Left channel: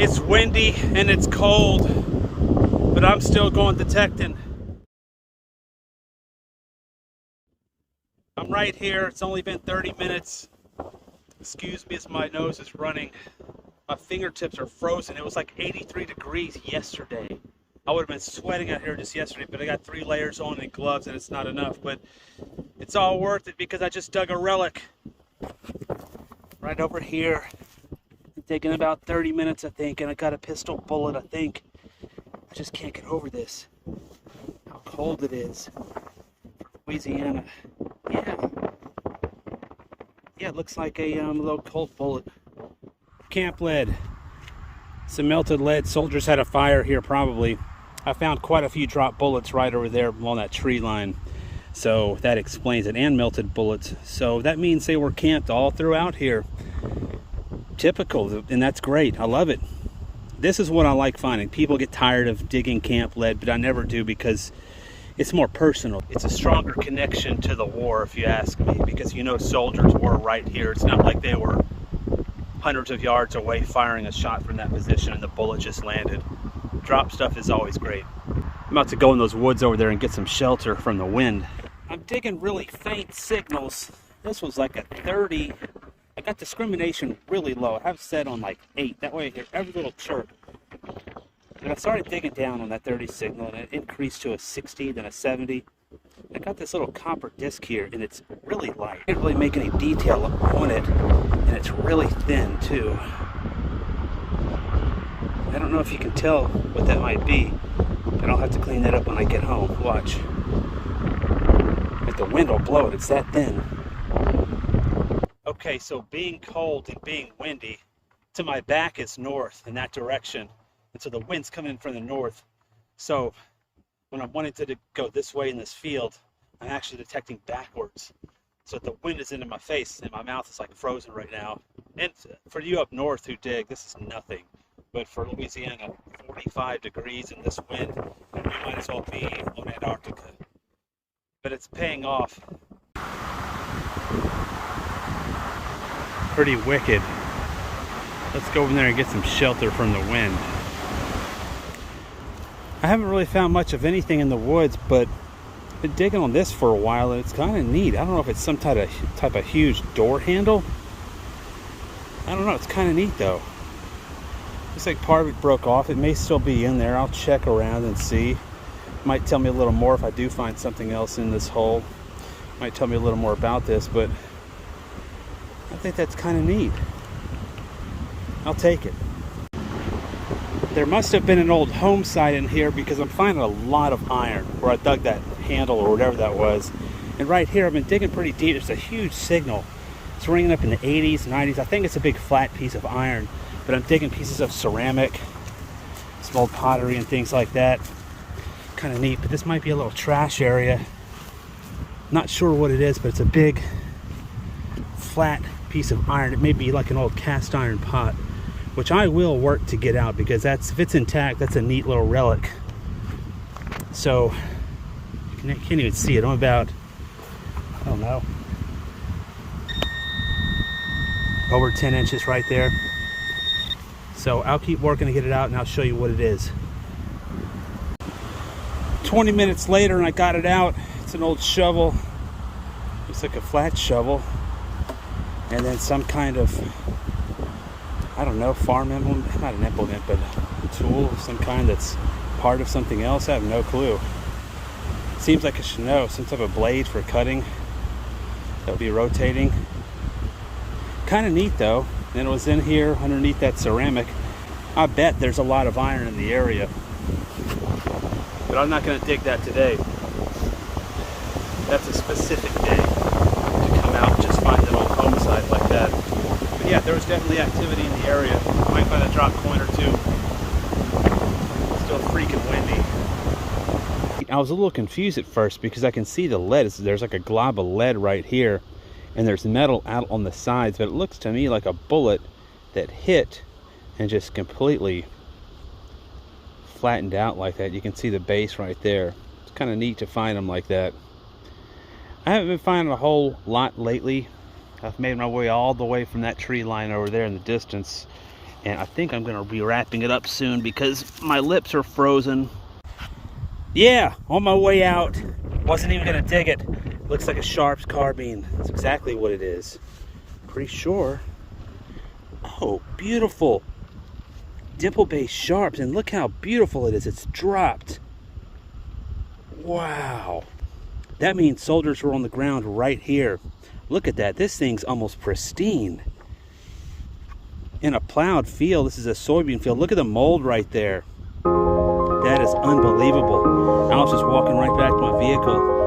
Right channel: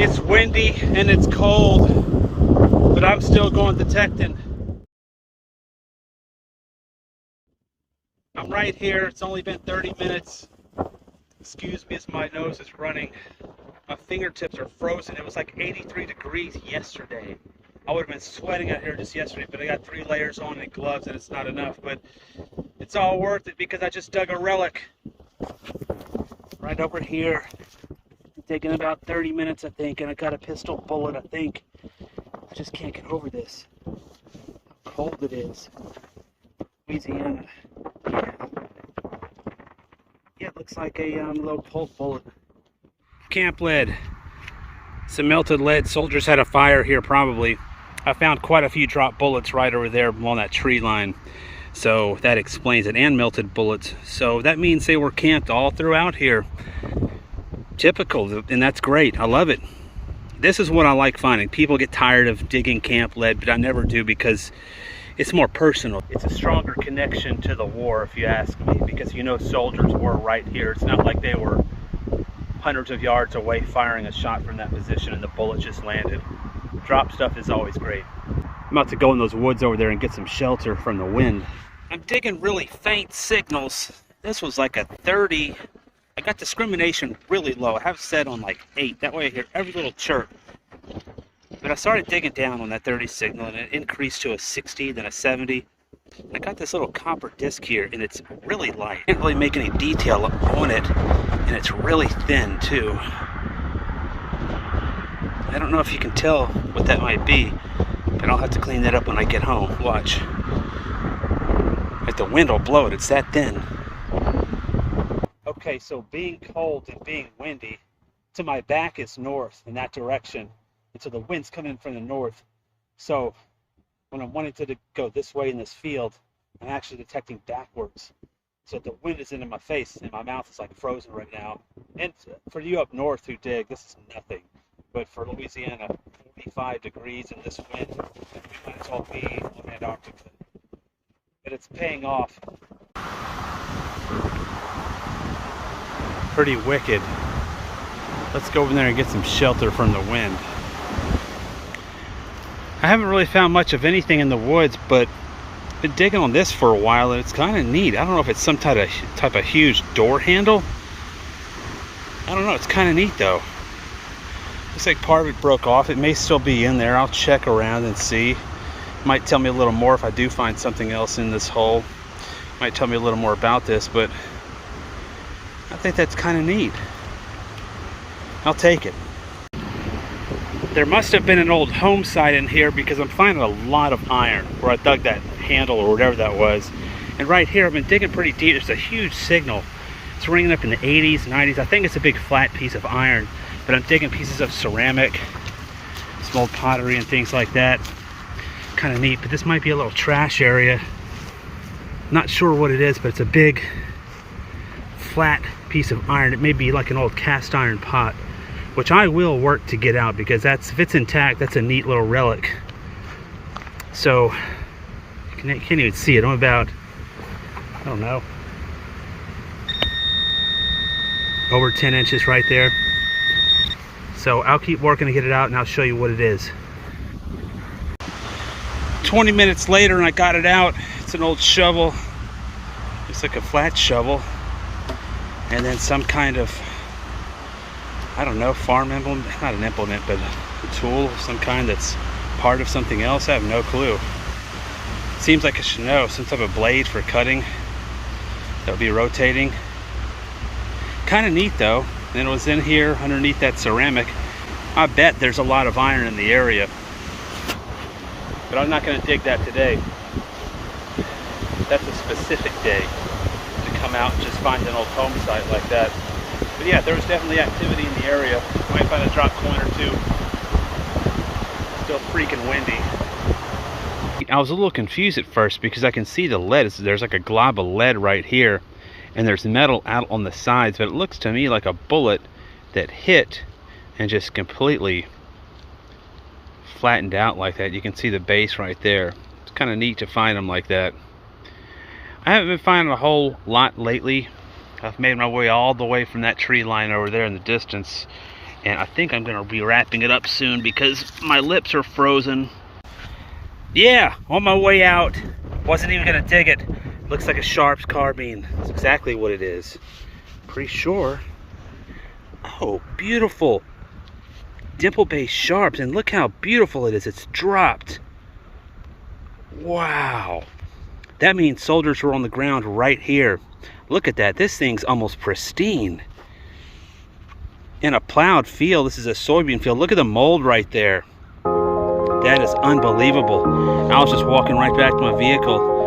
It's windy and it's cold, but I'm still going detecting. I'm right here. It's only been 30 minutes. Excuse me as my nose is running. My fingertips are frozen. It was like 83 degrees yesterday. I would have been sweating out here just yesterday, but I got 3 layers on and gloves and it's not enough. But it's all worth it because I just dug a relic right over here. It's taken about 30 minutes, I think, and I got a pistol bullet, I think. I just can't get over this. How cold it is. Louisiana. Yeah, it looks like a little cold bullet. Camp lead. Some melted lead. Soldiers had a fire here probably. I found quite a few drop bullets right over there along that tree line. So that explains it. And melted bullets. So that means they were camped all throughout here. Typical, and that's great. I love it. This is what I like finding. People get tired of digging camp lead, but I never do because it's more personal. It's a stronger connection to the war, if you ask me, because you know soldiers were right here. It's not like they were hundreds of yards away firing a shot from that position and the bullet just landed. Drop stuff is always great. I'm about to go in those woods over there and get some shelter from the wind. I'm digging really faint signals. This was like a 30. I got discrimination really low. I have it set on like 8. That way I hear every little chirp. But I started digging down on that 30 signal and it increased to a 60, then a 70. I got this little copper disc here and it's really light. I can't really make any detail on it, and it's really thin too. I don't know if you can tell what that might be, but I'll have to clean that up when I get home. Watch. If the wind will blow it, it's that thin. Okay, so being cold and being windy, to my back is north in that direction. And so the wind's coming in from the north. So when I'm wanting to go this way in this field, I'm actually detecting backwards. So the wind is into my face and my mouth is like frozen right now. And for you up north who dig, this is nothing. But for Louisiana, 45 degrees in this wind, we might as well be on Antarctica. But it's paying off. Pretty wicked. Let's go over there and get some shelter from the wind. I haven't really found much of anything in the woods, but I've been digging on this for a while and it's kind of neat. I don't know if it's some type of huge door handle. I don't know, it's kind of neat though. Looks like part of it broke off. It may still be in there. I'll check around and see. Might tell me a little more if I do find something else in this hole. Might tell me a little more about this, but I think that's kind of neat. I'll take it. There must have been an old home site in here because I'm finding a lot of iron where I dug that handle or whatever that was. And right here, I've been digging pretty deep. It's a huge signal. It's ringing up in the 80s, 90s. I think it's a big flat piece of iron, but I'm digging pieces of ceramic, some old pottery and things like that. Kind of neat, but this might be a little trash area. Not sure what it is, but it's a big flat piece of iron. It may be like an old cast iron pot, which I will work to get out because if it's intact, that's a neat little relic. So you can't even see it. I'm about, I don't know, over 10 inches right there. So I'll keep working to get it out and I'll show you what it is. 20 minutes later and I got it out. It's an old shovel. It's like a flat shovel. And then some kind of, I don't know, farm implement, not an implement, but a tool of some kind that's part of something else. I have no clue. Seems like I should know. Some type of blade for cutting that'll be rotating. Kind of neat though. And it was in here underneath that ceramic. I bet there's a lot of iron in the area. But I'm not going to dig that today. That's a specific day to come out and just find an old home site like that. But yeah, there was definitely activity in the area. Might find a drop coin or two. Still freaking windy. I was a little confused at first because I can see the lead. There's like a glob of lead right here. And there's metal out on the sides. But it looks to me like a bullet that hit and just completely flattened out like that. You can see the base right there. It's kind of neat to find them like that. I haven't been finding a whole lot lately. I've made my way all the way from that tree line over there in the distance And I think I'm gonna be wrapping it up soon because my lips are frozen. Yeah, on my way out. Wasn't even gonna dig it. Looks like a Sharp's carbine. That's exactly what it is. Pretty sure. Oh, beautiful. Dimple-based Sharps, and look how beautiful it is. It's dropped. Wow. That means soldiers were on the ground right here. Look at that. This thing's almost pristine. In a plowed field, this is a soybean field. Look at the mold right there. That is unbelievable. I was just walking right back to my vehicle.